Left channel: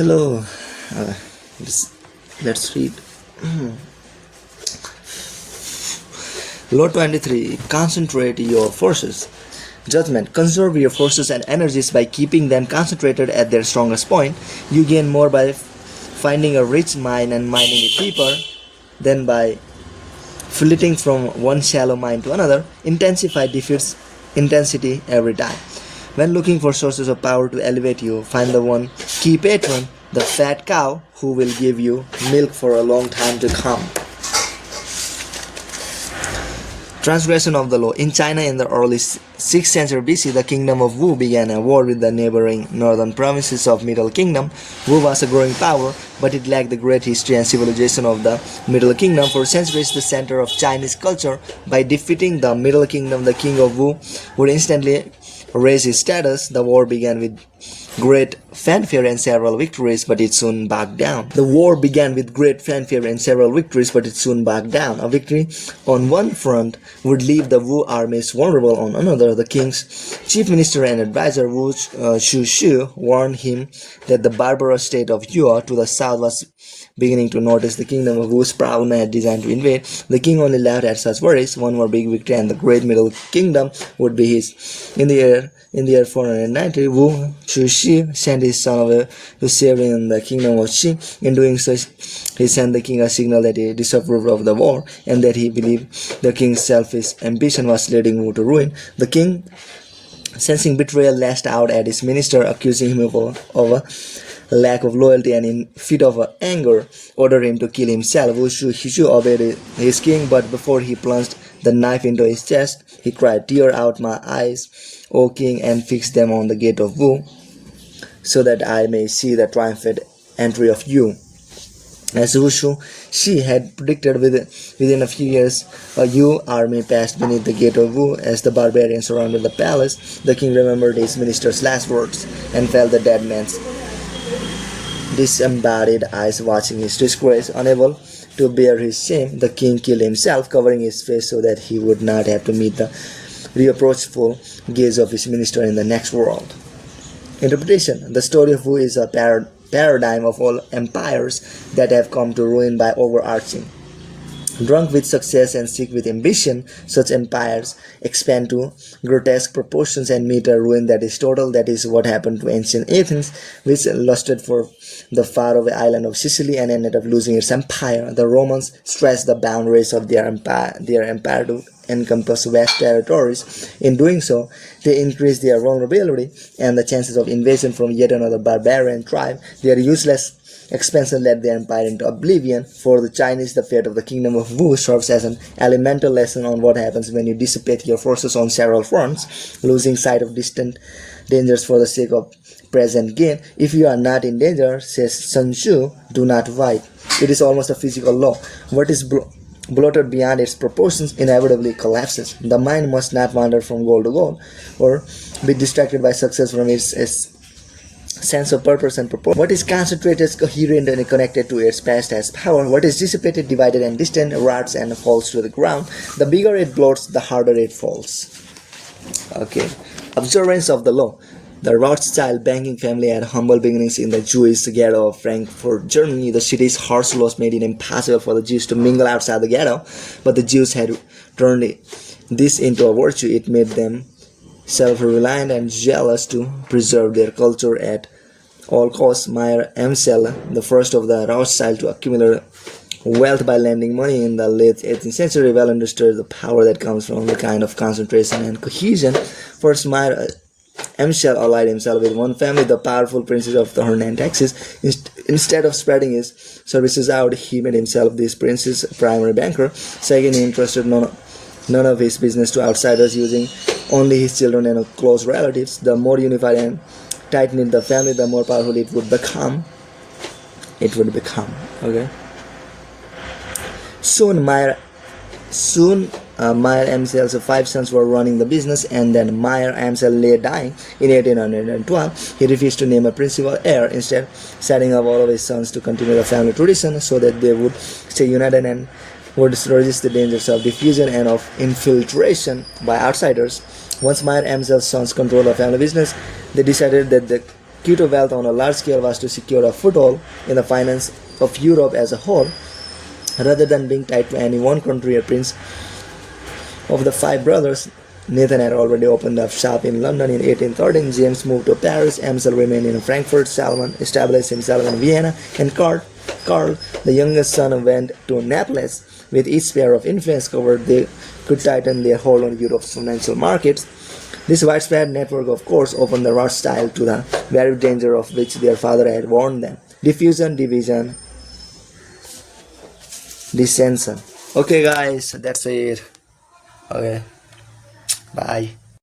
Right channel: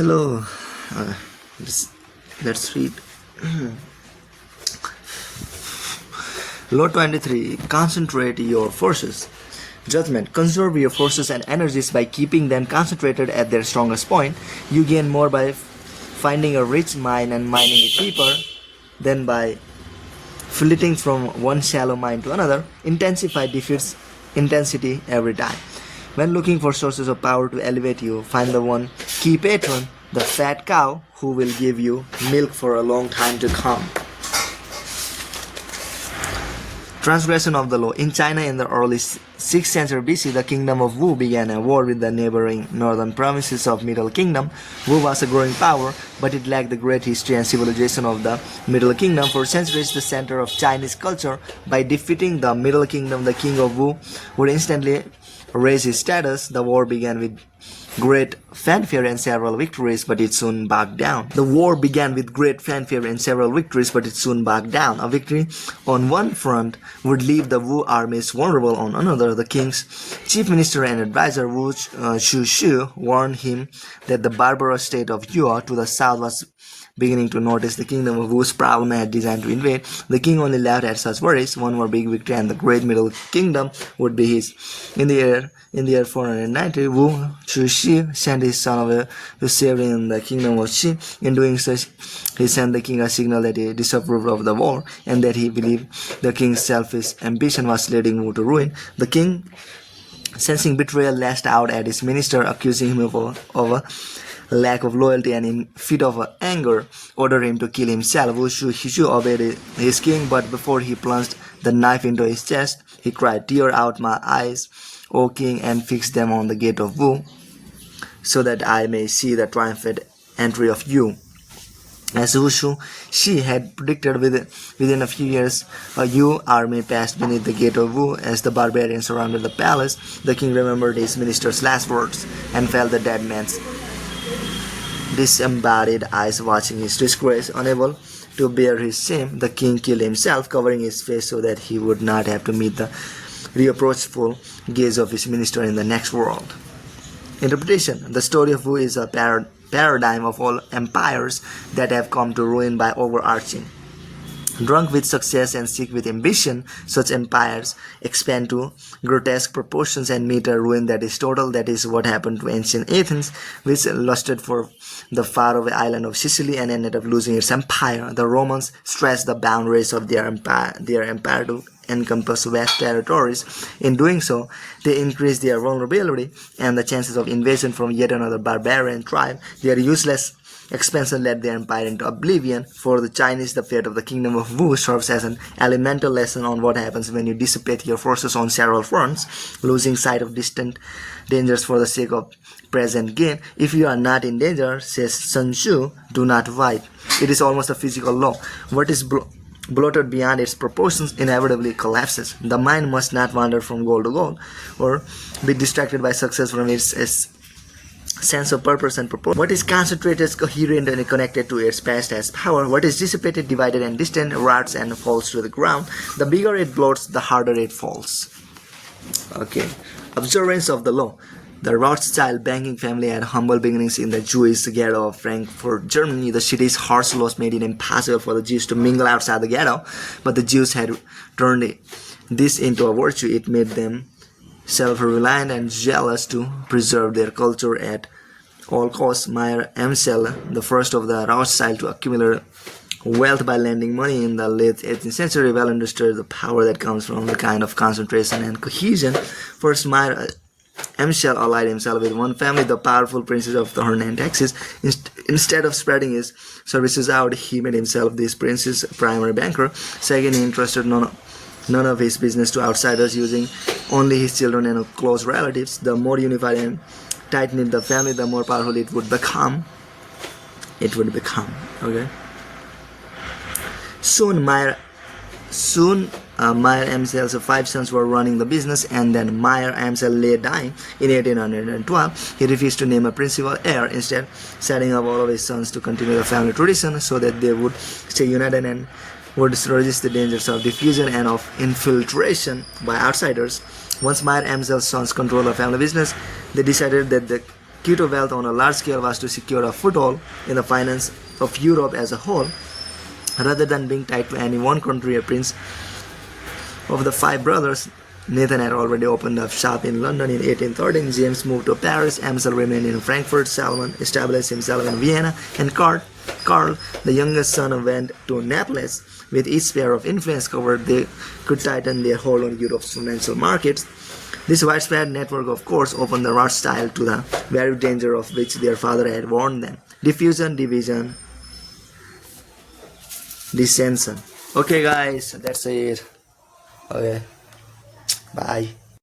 Hello. Uh, let's read. Law 23. Concentrate your forces. Judgment. Conserve your forces and energies by keeping them concentrated at their strongest point. You gain more by finding a rich mine and mining it deeper than by flitting from one shallow mine to another. Intensify defeats intensity every time. When looking for sources of power to elevate you, find the one key patron, the fat cow, who will give you milk for a long time to come. Transgression of the law. In China in the early 6th century BC, the kingdom of Wu began a war with the neighboring northern provinces of Middle Kingdom. Wu was a growing power, but it lacked the great history and civilization of the Middle Kingdom. For centuries, the center of Chinese culture. By defeating the Middle Kingdom, the king of Wu would instantly raise his status. The war began with great fanfare and several victories, but it soon backed down. The war began with great fanfare and several victories, but it soon backed down. A victory on one front would leave the Wu armies vulnerable on another. The king's chief minister and advisor, Wu Shushu, warned him that the barbarous state of Yue to the south was beginning to notice the kingdom of Wu's proud man had designed to invade. The king only laughed at such worries. One more big victory and the great Middle Kingdom would be his. In the year 490, Wu Shushi sent his son away to serve in the kingdom of Qi. In doing so, he sent the king a signal that he disapproved of the war and that he believed the king's selfish ambition was leading Wu to ruin. The king, sensing betrayal, lashed out at his minister, accusing him of a lack of loyalty, and in fit of anger ordered him to kill himself. Wu Shushi obeyed his king, but before he plunged the knife into his chest, he cried, "Tear out my eyes, O king, and fix them on the gate of Wu, so that I may see the triumphant entry of you." As Wu Shi had predicted, within a few years, a Yu army passed beneath the gate of Wu. As the barbarians surrounded the palace, the king remembered his minister's last words and felt the dead man's disembodied eyes watching his disgrace. Unable to bear his shame, the king killed himself, covering his face so that he would not have to meet the reproachful gaze of his minister in the next world. Interpretation. The story of Wu is a paradigm of all empires that have come to ruin by overarching. Drunk with success and sick with ambition, such empires expand to grotesque proportions and meet a ruin that is total. That is what happened to ancient Athens, which lusted for the faraway island of Sicily and ended up losing its empire. The Romans stretched the boundaries of their empire to encompass vast territories. In doing so, they increased their vulnerability and the chances of invasion from yet another barbarian tribe. Their useless expansion led their empire into oblivion. For the Chinese, the fate of the kingdom of Wu serves as an elemental lesson on what happens when you dissipate your forces on several fronts, losing sight of distant dangers for the sake of present gain. If you are not in danger, says Sun Tzu, do not fight. It is almost a physical law. What is bloated beyond its proportions inevitably collapses. The mind must not wander from goal to goal or be distracted by success from its sense of purpose and proportion. What is concentrated, coherent, and connected to its past has power. What is dissipated, divided, and distant rots and falls to the ground. The bigger it bloats, the harder it falls. Okay. Observance of the law. The Rothschild banking family had humble beginnings in the Jewish ghetto of Frankfurt, Germany. The city's harsh laws made it impossible for the Jews to mingle outside the ghetto, but the Jews had turned this into a virtue. It made them self-reliant and jealous to preserve their culture at all costs. Meyer Amschel, the first of the Rothschild to accumulate wealth by lending money in the late 18th century, well understood the power that comes from the kind of concentration and cohesion. First, Meyer Amschel allied himself with one family, the powerful princes of the Hernan Texas. Instead of spreading his services out, he made himself this prince's primary banker. Second, he entrusted none of his business to outsiders, using only his children and close relatives. The more unified and tight-knit the family, the more powerful it would become. Okay. Soon Meyer Amschel's 5 sons were running the business, and then Meyer Amschel lay dying in 1812. He refused to name a principal heir, instead setting up all of his sons to continue the family tradition so that they would stay united and would resist the dangers of diffusion and of infiltration by outsiders. Once Meyer Amschel's sons controlled the family business, they decided that the key to wealth on a large scale was to secure a foothold in the finance of Europe as a whole, rather than being tied to any one country or prince. Of the five brothers, Nathan had already opened a shop in London in 1813. James moved to Paris. Amsel remained in Frankfurt. Salomon established himself in Vienna. And Karl, the youngest son, went to Naples. With each sphere of influence covered, they could tighten their hold on Europe's financial markets. This widespread network, of course, opened the Rothschild to the very danger of which their father had warned them: diffusion, division, dissension. Okay, guys, that's it. Okay, bye.